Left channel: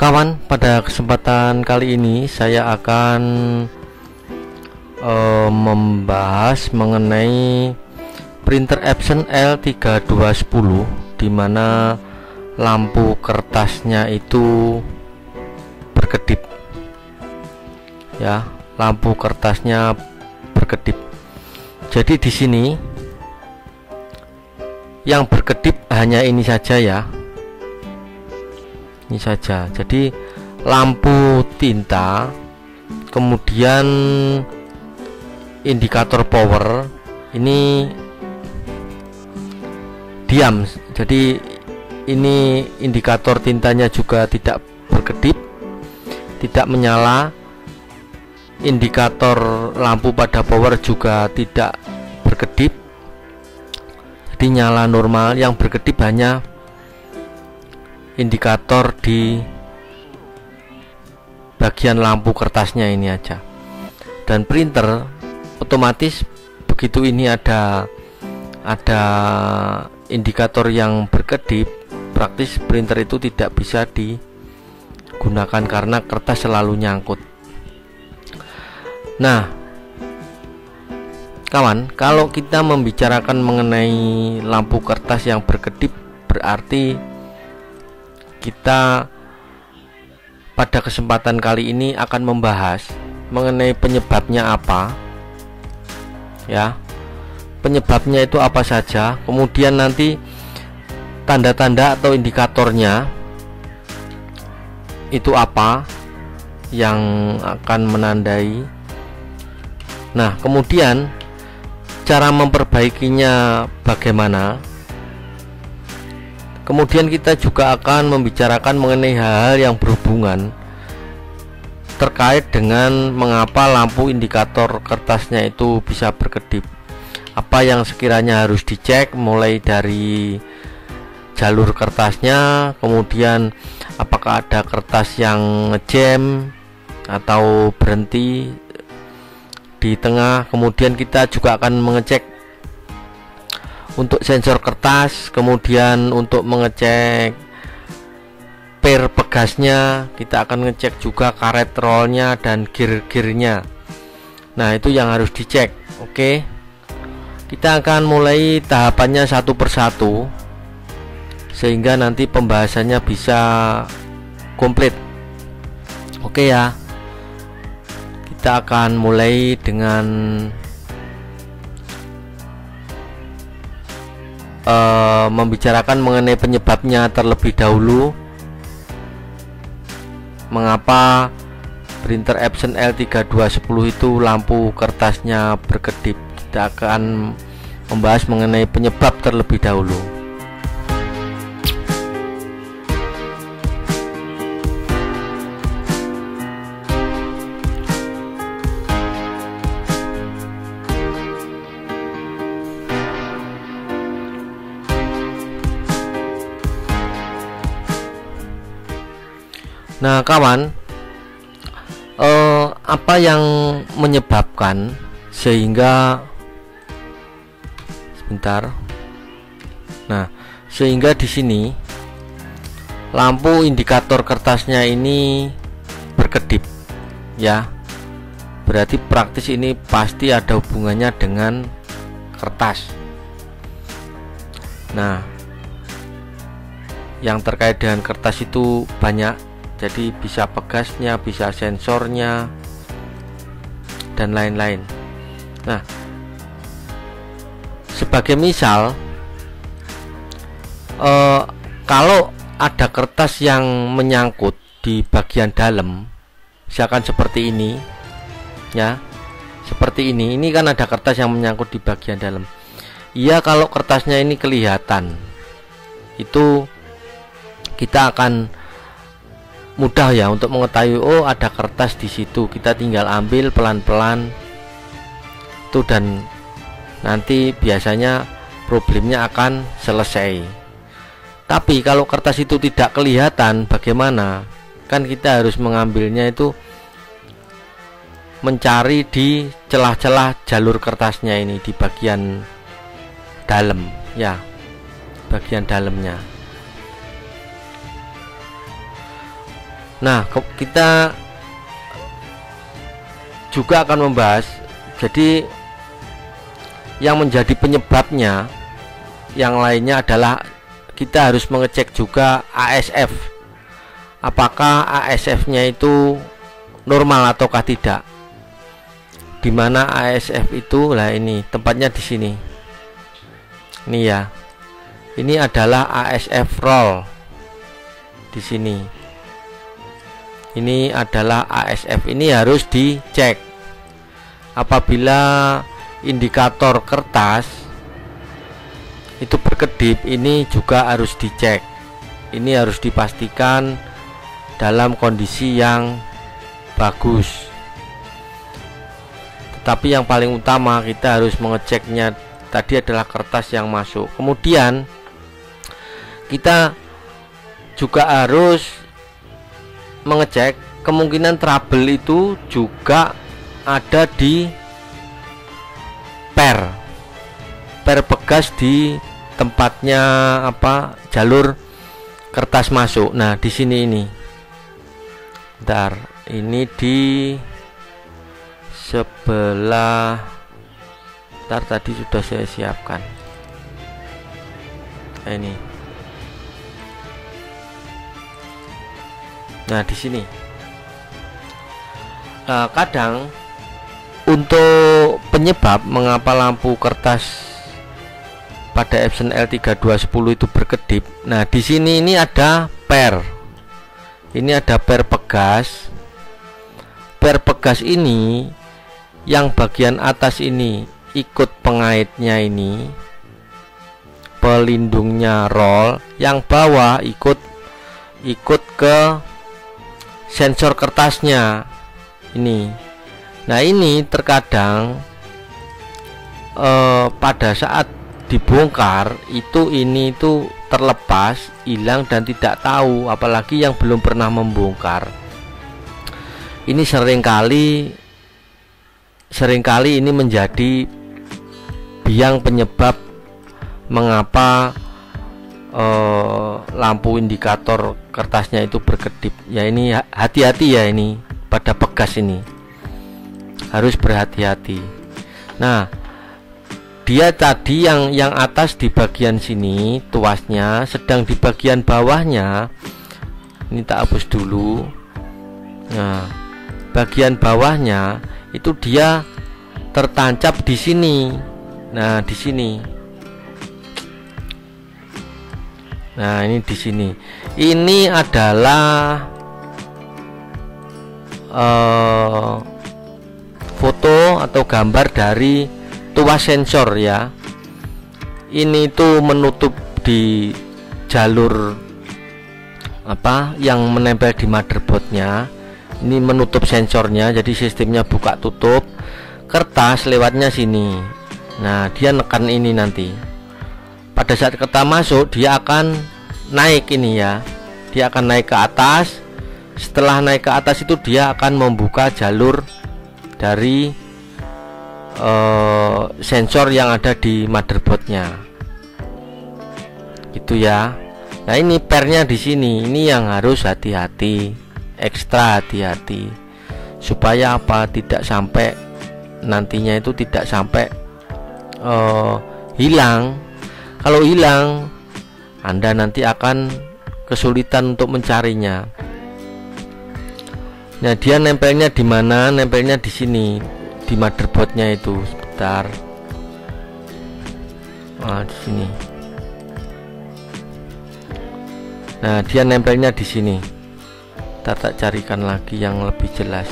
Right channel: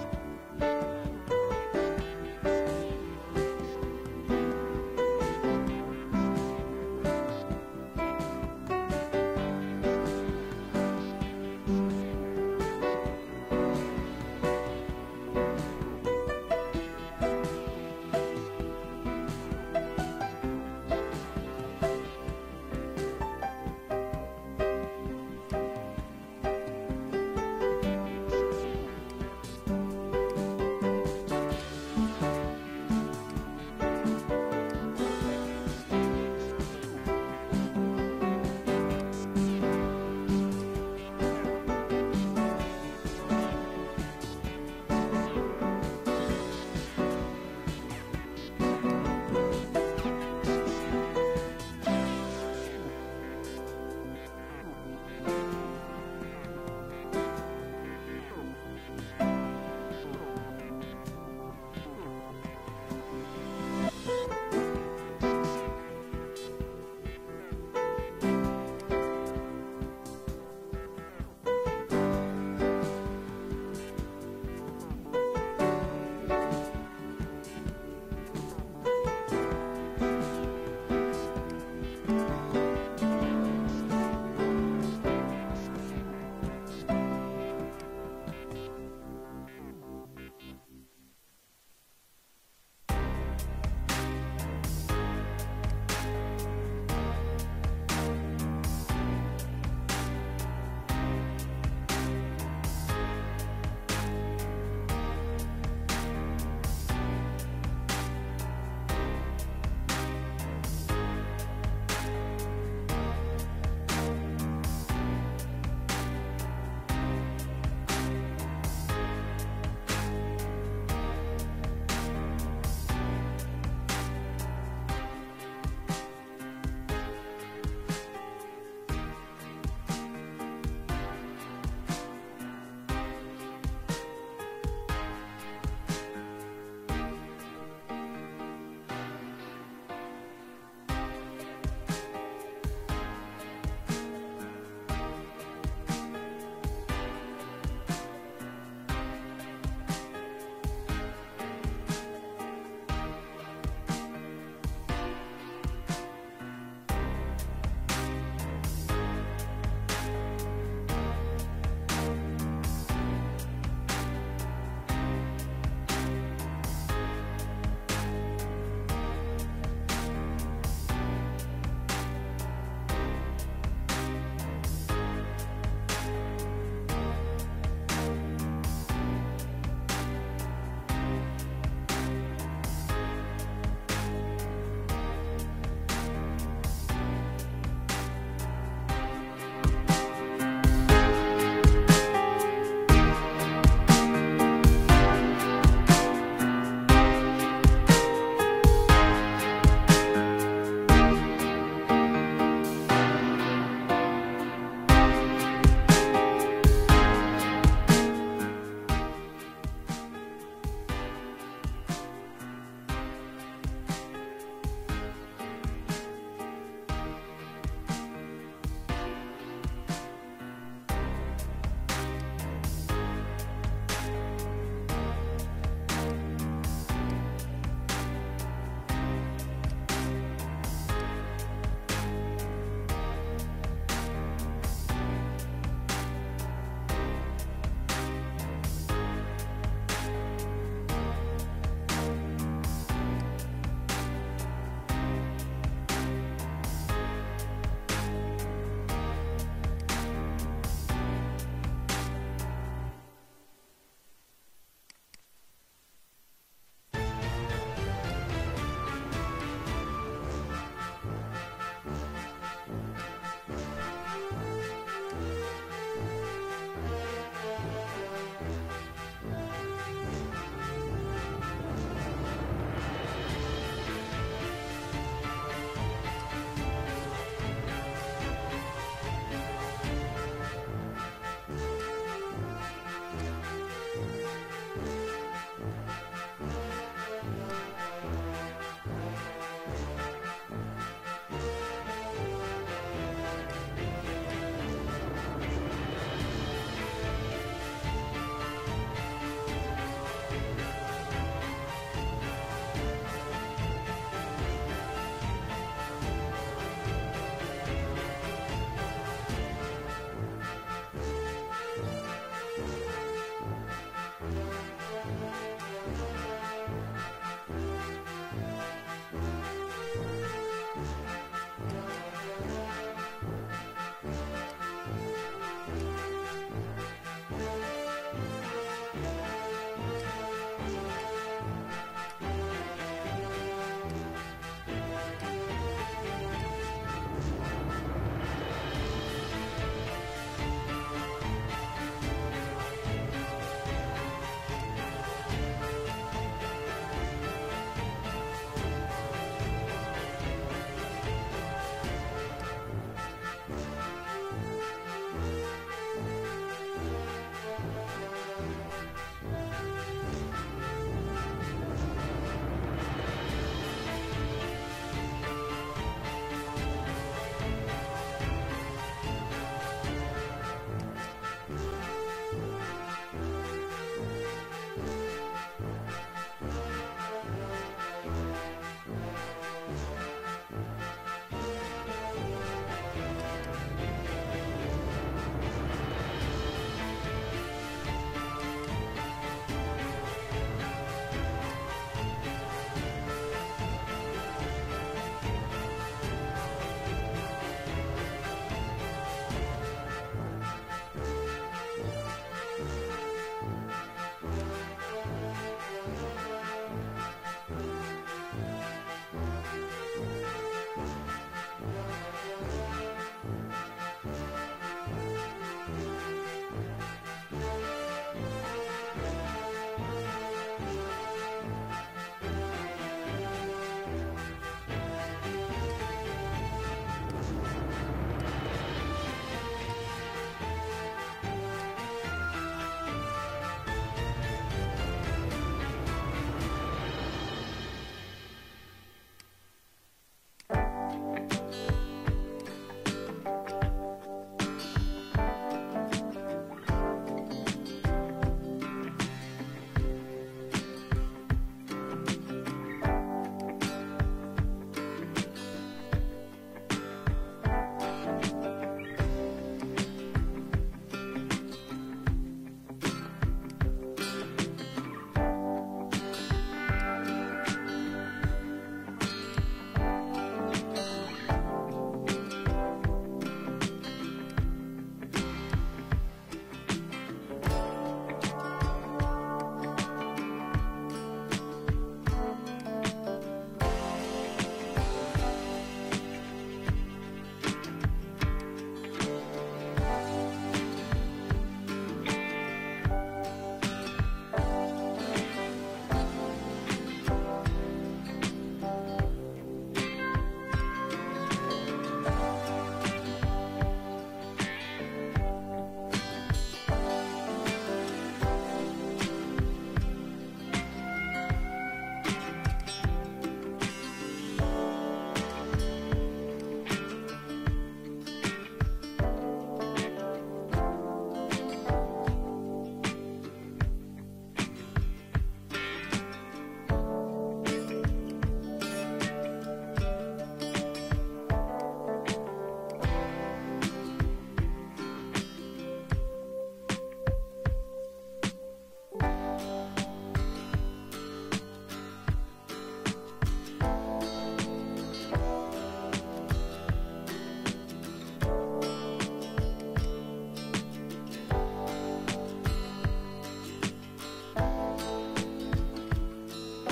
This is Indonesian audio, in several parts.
Kawan, pada kesempatan kali ini saya akan membahas mengenai printer Epson L3210, dimana lampu kertasnya itu berkedip ya, lampu kertasnya berkedip. Jadi di sini yang berkedip hanya ini saja ya, ini saja. Jadi lampu tinta, kemudian indikator power ini diam. Jadi ini indikator tintanya juga tidak berkedip, tidak menyala. Indikator lampu pada power juga tidak berkedip, jadi nyala normal. Yang berkedip hanya indikator di bagian lampu kertasnya ini aja. Dan printer otomatis begitu ini ada indikator yang berkedip, praktis printer itu tidak bisa digunakan karena kertas selalu nyangkut. Nah, kawan, kalau kita membicarakan mengenai lampu kertas yang berkedip, berarti kita pada kesempatan kali ini akan membahas mengenai penyebabnya apa ya, penyebabnya itu apa saja, kemudian nanti tanda-tanda atau indikatornya itu apa yang akan menandai. Nah, kemudian cara memperbaikinya bagaimana. Kemudian kita juga akan membicarakan mengenai hal-hal yang berhubungan terkait dengan mengapa lampu indikator kertasnya itu bisa berkedip. Apa yang sekiranya harus dicek, mulai dari jalur kertasnya, kemudian apakah ada kertas yang ngejam atau berhenti di tengah. Kemudian kita juga akan mengecek untuk sensor kertas, kemudian untuk mengecek per pegasnya, kita akan ngecek juga karet rollnya dan gear-gearnya. Nah, itu yang harus dicek. Oke, kita akan mulai tahapannya satu persatu sehingga nanti pembahasannya bisa komplit. Oke ya, kita akan mulai dengan membicarakan mengenai penyebabnya terlebih dahulu. Mengapa printer Epson L3210 itu lampu kertasnya berkedip? Kita akan membahas mengenai penyebab terlebih dahulu. Nah, kawan, apa yang menyebabkan sehingga sehingga di sini lampu indikator kertasnya ini berkedip ya, berarti praktis ini pasti ada hubungannya dengan kertas. Nah, yang terkait dengan kertas itu banyak. Jadi bisa pegasnya, bisa sensornya, dan lain-lain. Nah, sebagai misal, kalau ada kertas yang menyangkut di bagian dalam, misalkan seperti ini ya, seperti ini kan ada kertas yang menyangkut di bagian dalam. Iya, kalau kertasnya ini kelihatan, itu kita akan mudah ya untuk mengetahui, oh ada kertas di situ. Kita tinggal ambil pelan-pelan tuh, dan nanti biasanya problemnya akan selesai. Tapi kalau kertas itu tidak kelihatan, bagaimana? Kan kita harus mengambilnya itu mencari di celah-celah jalur kertasnya ini, di bagian dalam ya, bagian dalamnya. Nah, kita juga akan membahas, jadi yang menjadi penyebabnya yang lainnya adalah kita harus mengecek juga ASF, apakah ASF nya itu normal ataukah tidak. Dimana ASF itu, lah ini tempatnya di sini, ini ya, ini adalah ASF roll di sini. Ini adalah ASF, ini harus dicek. Apabila indikator kertas itu berkedip, ini juga harus dicek. Ini harus dipastikan dalam kondisi yang bagus. Tapi yang paling utama kita harus mengeceknya tadi adalah kertas yang masuk. Kemudian kita juga harus mengecek kemungkinan trouble itu juga ada di per bekas di tempatnya jalur kertas masuk. Nah, di sini ini. Bentar, ini di sebelah. Bentar, tadi sudah saya siapkan. Ini. Nah, di sini kadang untuk penyebab mengapa lampu kertas pada Epson L3210 itu berkedip. Nah, di sini ini ada per. Ini ada per pegas. Per pegas ini yang bagian atas ini ikut pengaitnya ini, pelindungnya roll, yang bawah ikut ke sensor kertasnya ini. Nah, ini terkadang pada saat dibongkar ini tuh terlepas, hilang dan tidak tahu, apalagi yang belum pernah membongkar. Ini seringkali ini menjadi biang penyebab mengapa lampu indikator kertasnya itu berkedip. Ya, ini hati-hati ya, ini pada pegas ini harus berhati-hati. Nah, dia tadi yang atas di bagian sini tuasnya, sedang di bagian bawahnya ini tak hapus dulu. Nah, bagian bawahnya itu dia tertancap di sini. Nah, di sini. Nah, ini di sini. Ini adalah foto atau gambar dari tuas sensor ya. Ini tuh menutup di jalur yang menempel di motherboardnya. Ini menutup sensornya, jadi sistemnya buka tutup. Kertas lewatnya sini. Nah, dia nekan ini nanti. Pada saat kertas masuk, dia akan naik ini ya. Dia akan naik ke atas. Setelah naik ke atas itu dia akan membuka jalur dari sensor yang ada di motherboardnya. Gitu ya. Nah, ini pernya di sini. Ini yang harus hati-hati, ekstra hati-hati, supaya tidak sampai nantinya itu tidak sampai hilang. Kalau hilang, Anda nanti akan kesulitan untuk mencarinya. Nah, dia nempelnya di mana? Nempelnya di sini, di motherboardnya itu. Sebentar. Nah, di sini. Nah, dia nempelnya di sini. Kita tak carikan lagi yang lebih jelas.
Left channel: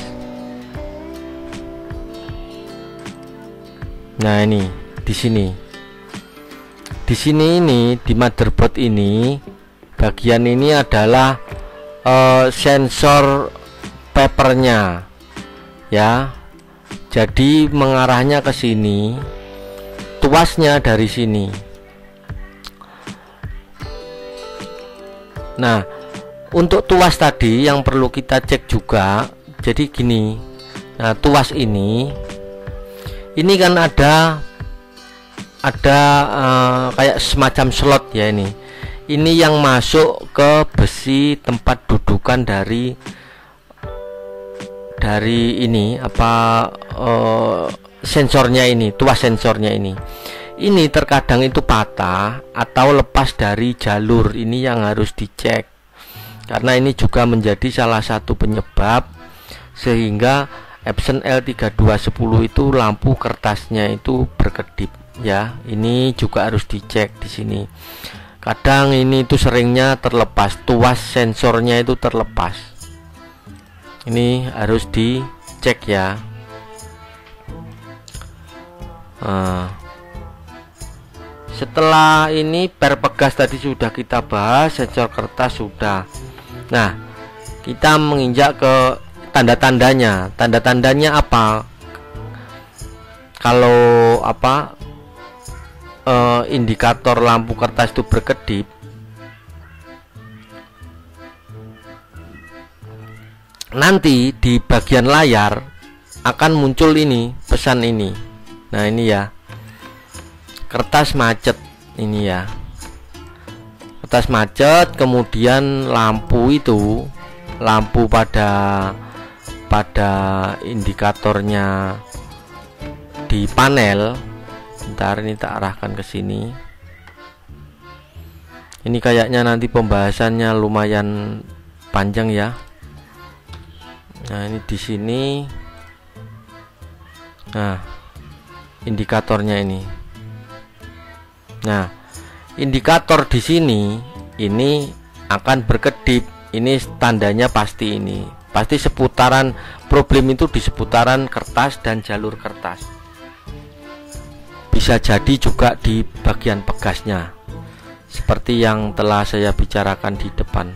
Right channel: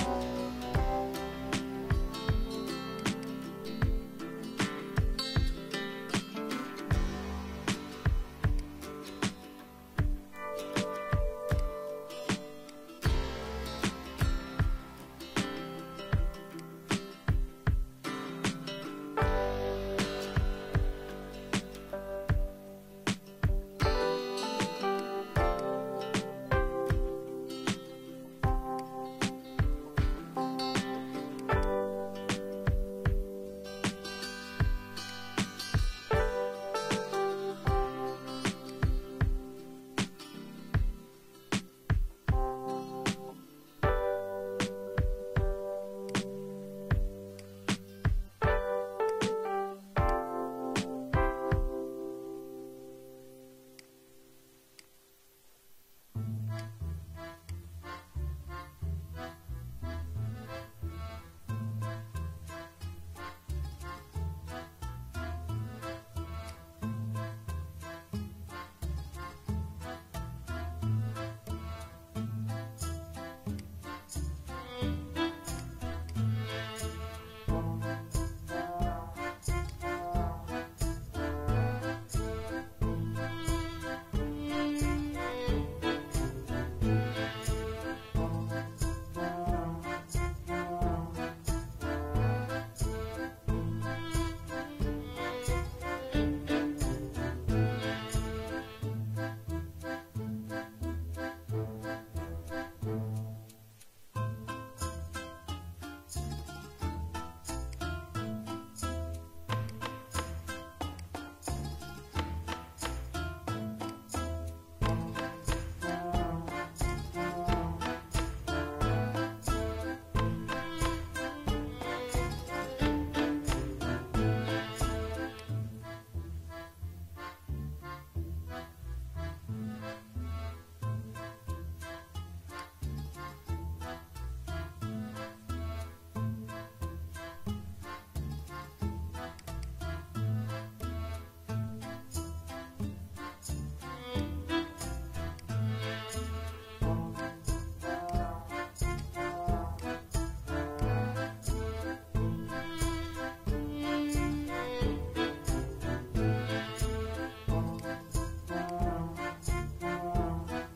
Nah, ini di sini. Di sini ini di motherboard ini, bagian ini adalah sensor papernya ya. Jadi mengarahnya ke sini, tuasnya dari sini. Nah, untuk tuas tadi yang perlu kita cek juga. Jadi gini. Nah, tuas ini kan ada kayak semacam slot ya ini. Ini yang masuk ke besi tempat dudukan dari dari ini sensornya ini, tuas sensornya ini terkadang itu patah atau lepas dari jalur. Ini yang harus dicek, karena ini juga menjadi salah satu penyebab sehingga Epson L3210 itu lampu kertasnya itu berkedip ya. Ini juga harus dicek di sini. Kadang ini itu seringnya terlepas, tuas sensornya itu terlepas. Ini harus dicek ya. Setelah ini per pegas tadi sudah kita bahas, sensor kertas sudah. Nah, kita menginjak ke tanda-tandanya. Tanda-tandanya apa? Kalau indikator lampu kertas itu berkedip, nanti di bagian layar akan muncul ini, pesan ini. Nah, ini ya. Kertas macet ini ya. Kertas macet, kemudian lampu pada indikatornya di panel. Bentar, ini tak arahkan ke sini. Ini kayaknya nanti pembahasannya lumayan panjang ya. Nah, ini di sini. Nah, indikatornya ini. Nah, indikator di sini ini akan berkedip. Ini tandanya pasti ini. Pasti seputaran, problem itu di seputaran kertas dan jalur kertas. Bisa jadi juga di bagian pegasnya, seperti yang telah saya bicarakan di depan.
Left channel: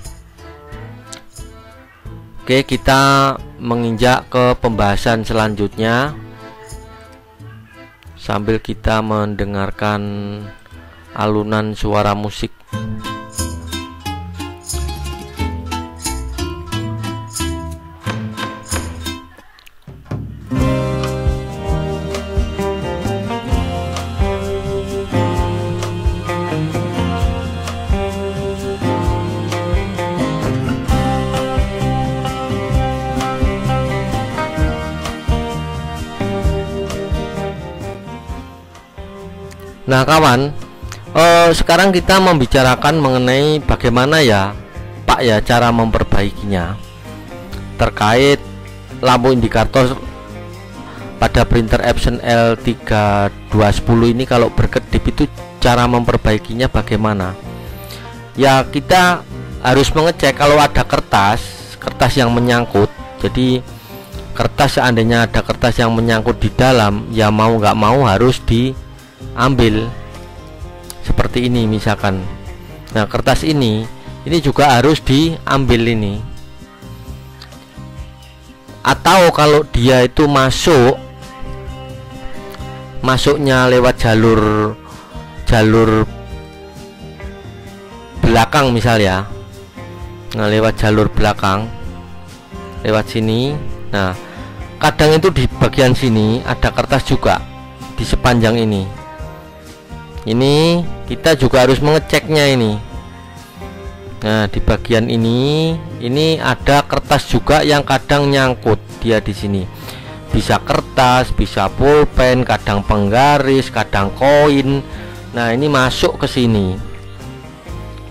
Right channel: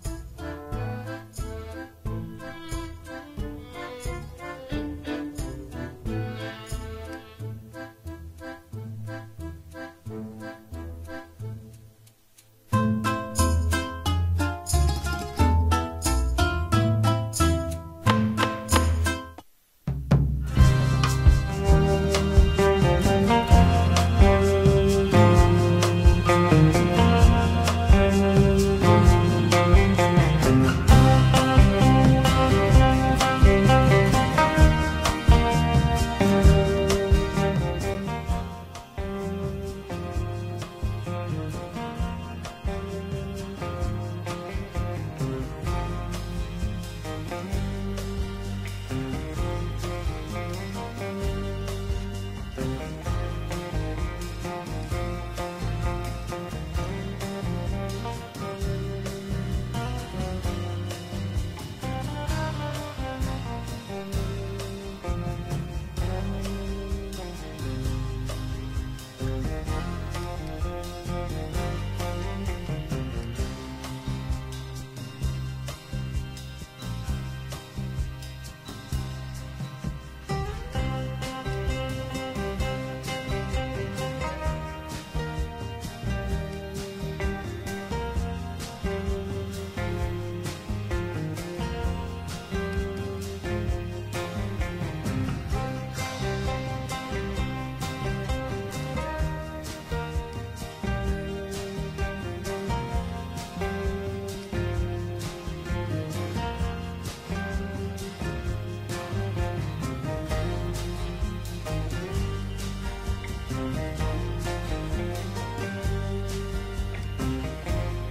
Oke, kita menginjak ke pembahasan selanjutnya sambil kita mendengarkan alunan suara musik. Nah kawan, sekarang kita membicarakan mengenai bagaimana ya Pak ya cara memperbaikinya terkait lampu indikator pada printer Epson L3210 ini. Kalau berkedip itu cara memperbaikinya bagaimana ya? Kita harus mengecek kalau ada kertas yang menyangkut. Jadi kertas, seandainya ada kertas yang menyangkut di dalam, ya mau nggak mau harus diambil seperti ini misalkan. Nah, kertas ini juga harus diambil ini. Atau kalau dia itu masuknya lewat jalur belakang misal ya. Nah, lewat jalur belakang, lewat sini. Nah, kadang itu di bagian sini ada kertas juga di sepanjang ini. Ini kita juga harus mengeceknya ini. Nah, di bagian ini ada kertas juga yang kadang nyangkut dia di sini. Bisa kertas, bisa pulpen, kadang penggaris, kadang koin. Nah, ini masuk ke sini.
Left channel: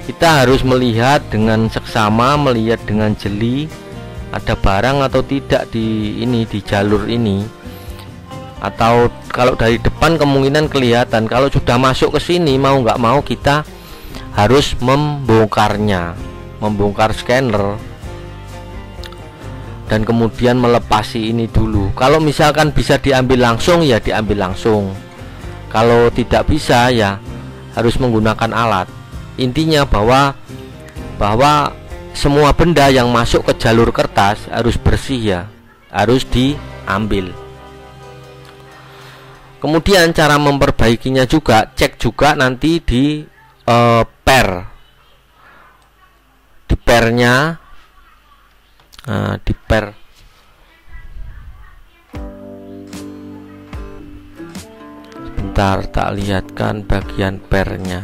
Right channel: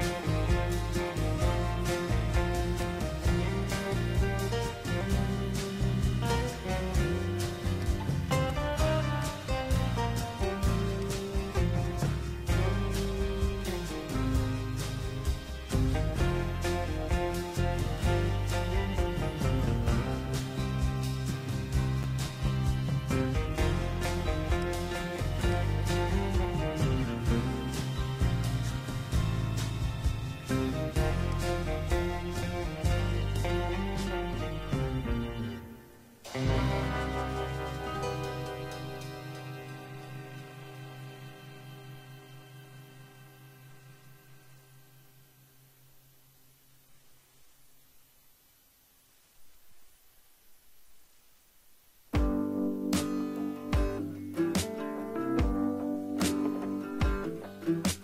Kita harus melihat dengan seksama, melihat dengan jeli ada barang atau tidak di jalur ini. Atau kalau dari depan kemungkinan kelihatan. Kalau sudah masuk ke sini, mau nggak mau kita harus membongkarnya, membongkar scanner dan kemudian melepasi ini dulu. Kalau misalkan bisa diambil langsung ya diambil langsung. Kalau tidak bisa ya harus menggunakan alat. Intinya bahwa semua benda yang masuk ke jalur kertas harus bersih ya, harus diambil. Kemudian cara memperbaikinya juga, cek juga nanti di pernya. Nah, di per sebentar, tak lihatkan bagian pernya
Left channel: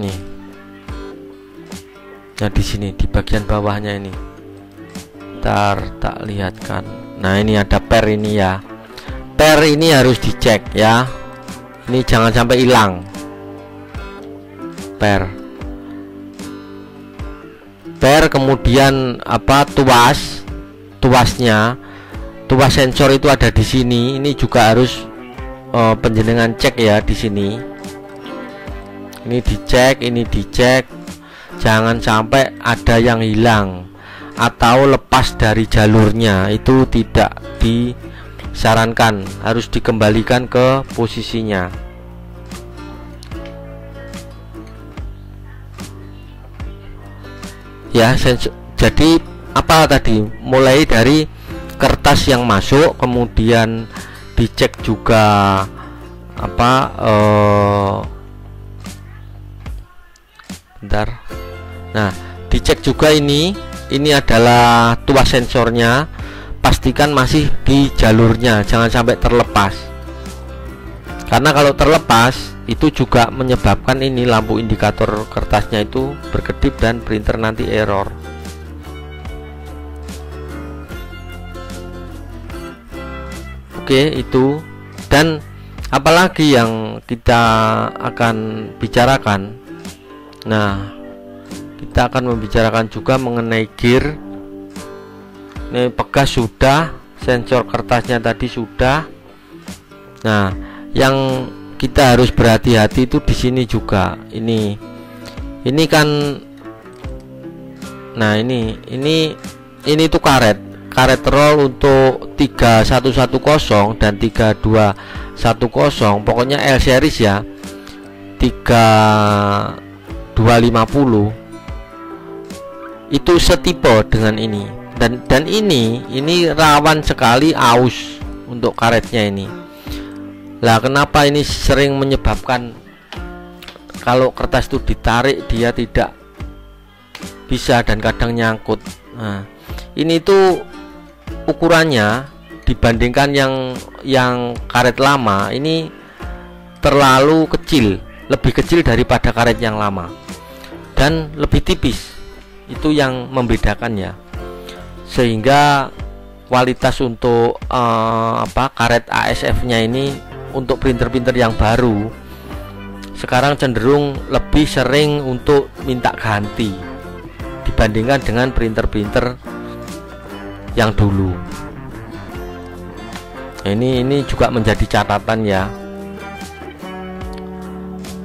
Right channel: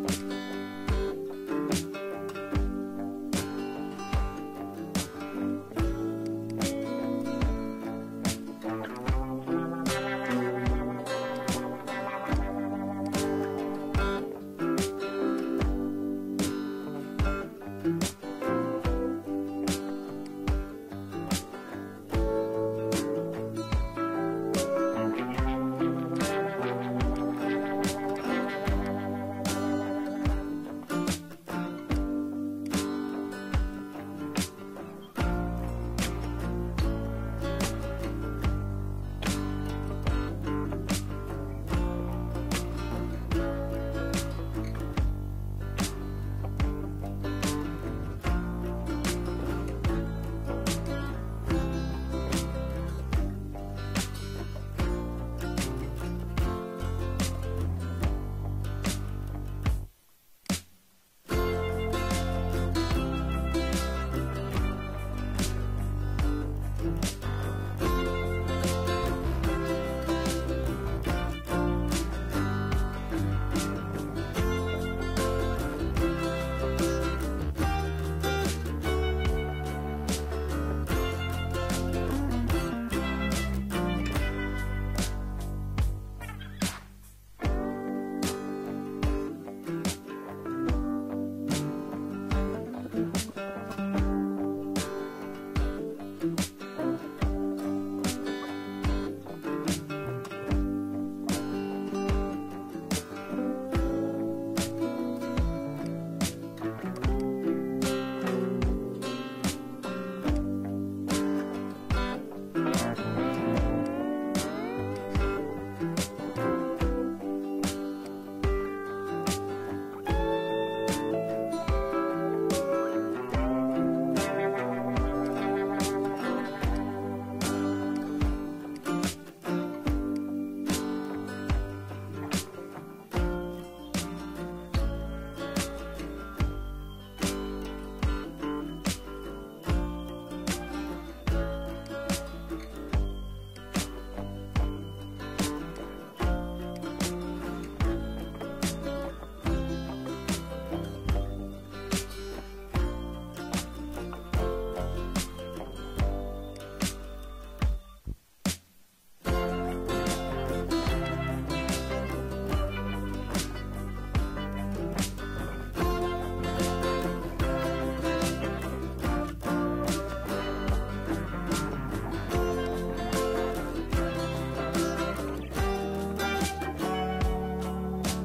nih. Nah, di sini di bagian bawahnya ini. Ntar tak lihatkan. Nah, ini ada per ini ya. Per ini harus dicek ya. Ini jangan sampai hilang. Per, kemudian apa, tuasnya, tuas sensor itu ada di sini. Ini juga harus penjenengan cek ya di sini. Ini dicek, jangan sampai ada yang hilang atau lepas dari jalurnya. Itu tidak disarankan, harus dikembalikan ke posisinya. Ya, jadi apa tadi, mulai dari kertas yang masuk, kemudian dicek juga apa, bentar. Nah, dicek juga ini adalah tuas sensornya, pastikan masih di jalurnya, jangan sampai terlepas. Karena kalau terlepas itu juga menyebabkan ini lampu indikator kertasnya itu berkedip dan printer nanti error. Oke, itu. Dan apalagi yang kita akan bicarakan. Nah, kita akan membicarakan juga mengenai gear. Ini pegas sudah, sensor kertasnya tadi sudah. Nah, yang kita harus berhati-hati itu di sini juga. Ini kan, nah ini tuh karet roll untuk 3110 dan 3210. Pokoknya L series ya, 3250 itu setipe dengan ini. Dan ini rawan sekali aus untuk karetnya ini. Lah, kenapa ini sering menyebabkan kalau kertas itu ditarik dia tidak bisa dan kadang nyangkut. Nah, ini tuh ukurannya dibandingkan yang karet lama ini terlalu kecil, lebih kecil daripada karet yang lama dan lebih tipis. Itu yang membedakannya, sehingga kualitas untuk karet ASF-nya ini untuk printer-printer yang baru sekarang cenderung lebih sering untuk minta ganti dibandingkan dengan printer-printer yang dulu. Nah, ini juga menjadi catatan ya,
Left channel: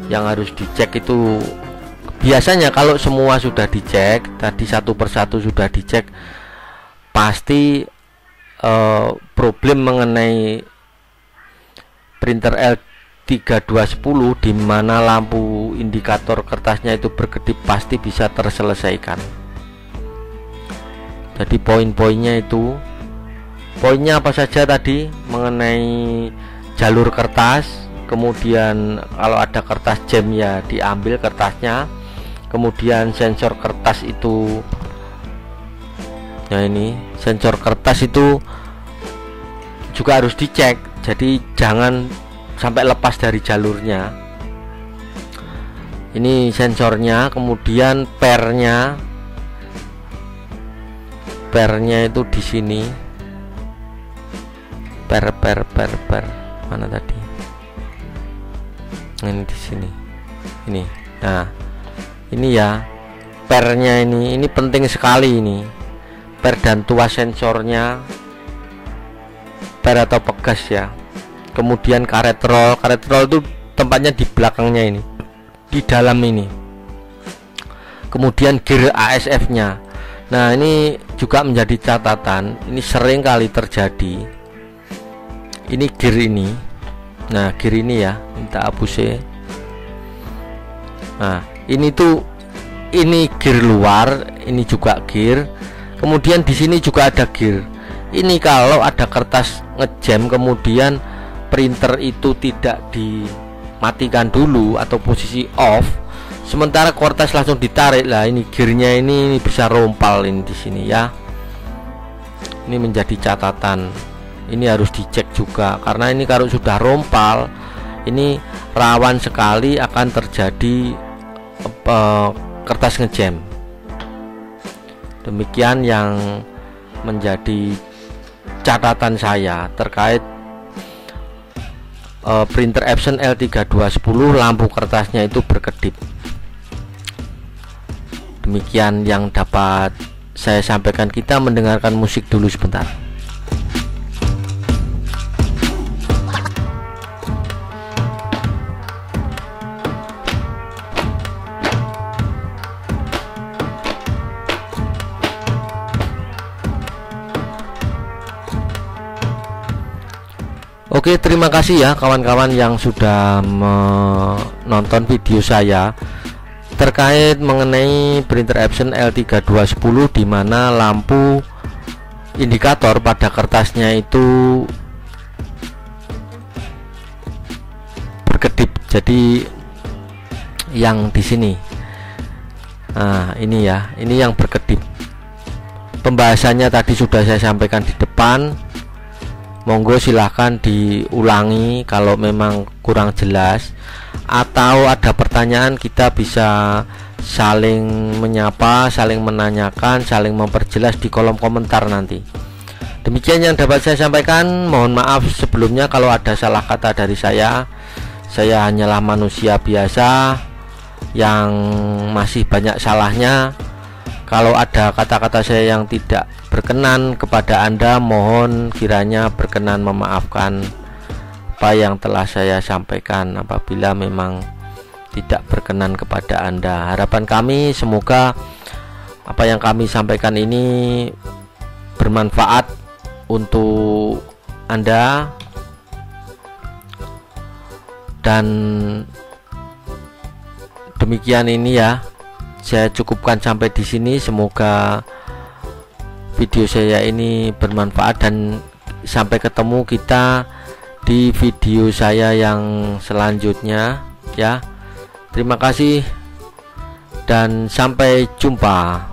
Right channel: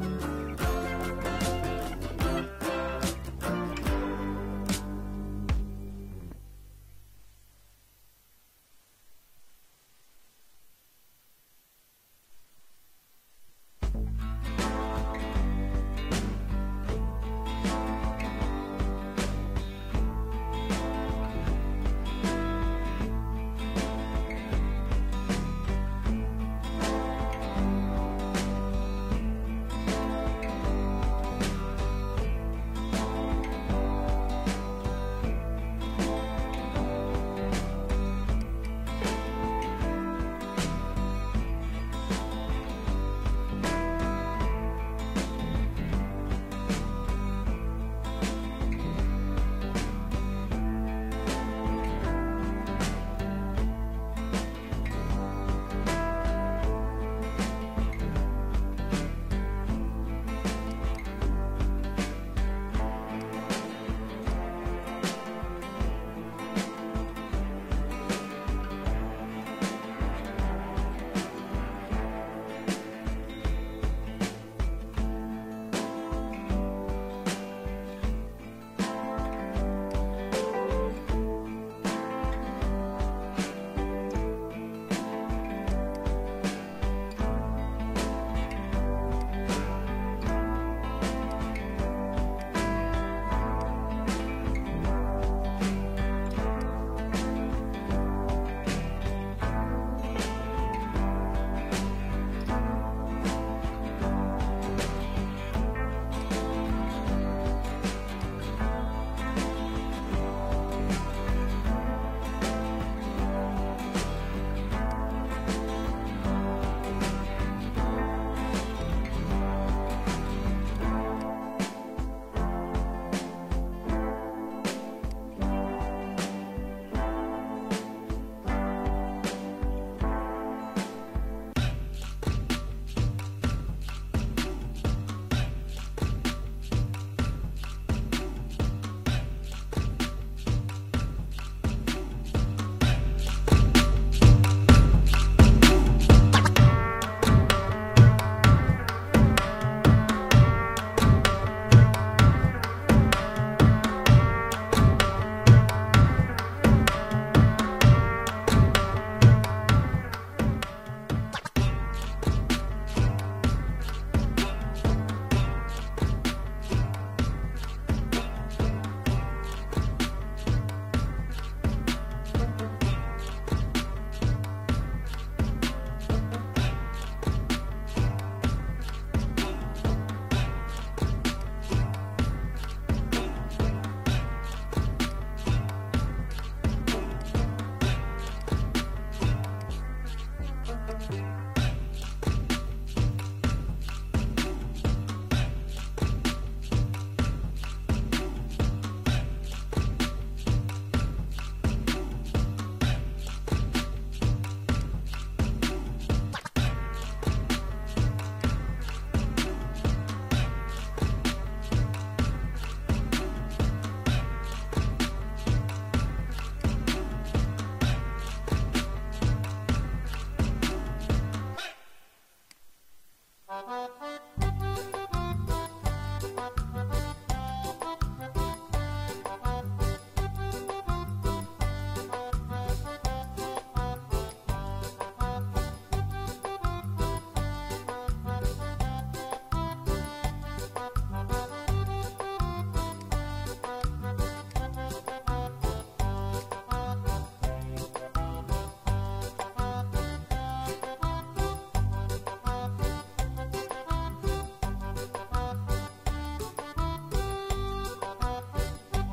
yang harus dicek itu. Biasanya kalau semua sudah dicek, tadi satu persatu sudah dicek, pasti problem mengenai printer L3210 di mana lampu indikator kertasnya itu berkedip pasti bisa terselesaikan. Jadi poin-poinnya itu, poinnya apa saja tadi mengenai jalur kertas, kemudian kalau ada kertas jam ya diambil kertasnya, kemudian sensor kertas itu, nah ini sensor kertas itu juga harus dicek, jadi jangan sampai lepas dari jalurnya. Ini sensornya, kemudian pernya itu di sini. Per mana tadi? Ini di sini. Ini. Nah, ini ya pernya ini penting sekali ini. Per dan tuas sensornya, per atau pegas ya. Kemudian karet roll itu tempatnya di belakangnya ini, di dalam ini. Kemudian gear ASF-nya. Nah, ini juga menjadi catatan. Ini sering kali terjadi. Ini gear ini. Nah, gear ini ya, minta hapus ya. Nah, ini gear luar, ini juga gear. Kemudian di sini juga ada gear. Ini kalau ada kertas ngejam kemudian printer itu tidak dimatikan dulu atau posisi off, sementara kertas langsung ditarik, lah ini gearnya ini bisa rompal ini di sini ya. Ini menjadi catatan. Ini harus dicek juga karena ini kalau sudah rompal ini rawan sekali akan terjadi kertas ngejam. Demikian yang menjadi catatan saya terkait printer Epson L3210, lampu kertasnya itu berkedip. Demikian yang dapat saya sampaikan. Kita mendengarkan musik dulu sebentar. Oke, terima kasih ya kawan-kawan yang sudah menonton video saya terkait mengenai printer Epson L3210, di mana lampu indikator pada kertasnya itu berkedip. Jadi yang di sini, nah ini ya, ini yang berkedip. Pembahasannya tadi sudah saya sampaikan di depan. Monggo silahkan diulangi kalau memang kurang jelas, atau ada pertanyaan kita bisa saling menyapa, saling menanyakan, saling memperjelas di kolom komentar nanti. Demikian yang dapat saya sampaikan. Mohon maaf sebelumnya kalau ada salah kata dari saya. Saya hanyalah manusia biasa yang masih banyak salahnya. Kalau ada kata-kata saya yang tidak berkenan kepada Anda, mohon kiranya berkenan memaafkan apa yang telah saya sampaikan apabila memang tidak berkenan kepada Anda. Harapan kami semoga apa yang kami sampaikan ini bermanfaat untuk Anda, dan demikian ini ya. Saya cukupkan sampai di sini. Semoga video saya ini bermanfaat, dan sampai ketemu kita di video saya yang selanjutnya ya. Terima kasih dan sampai jumpa.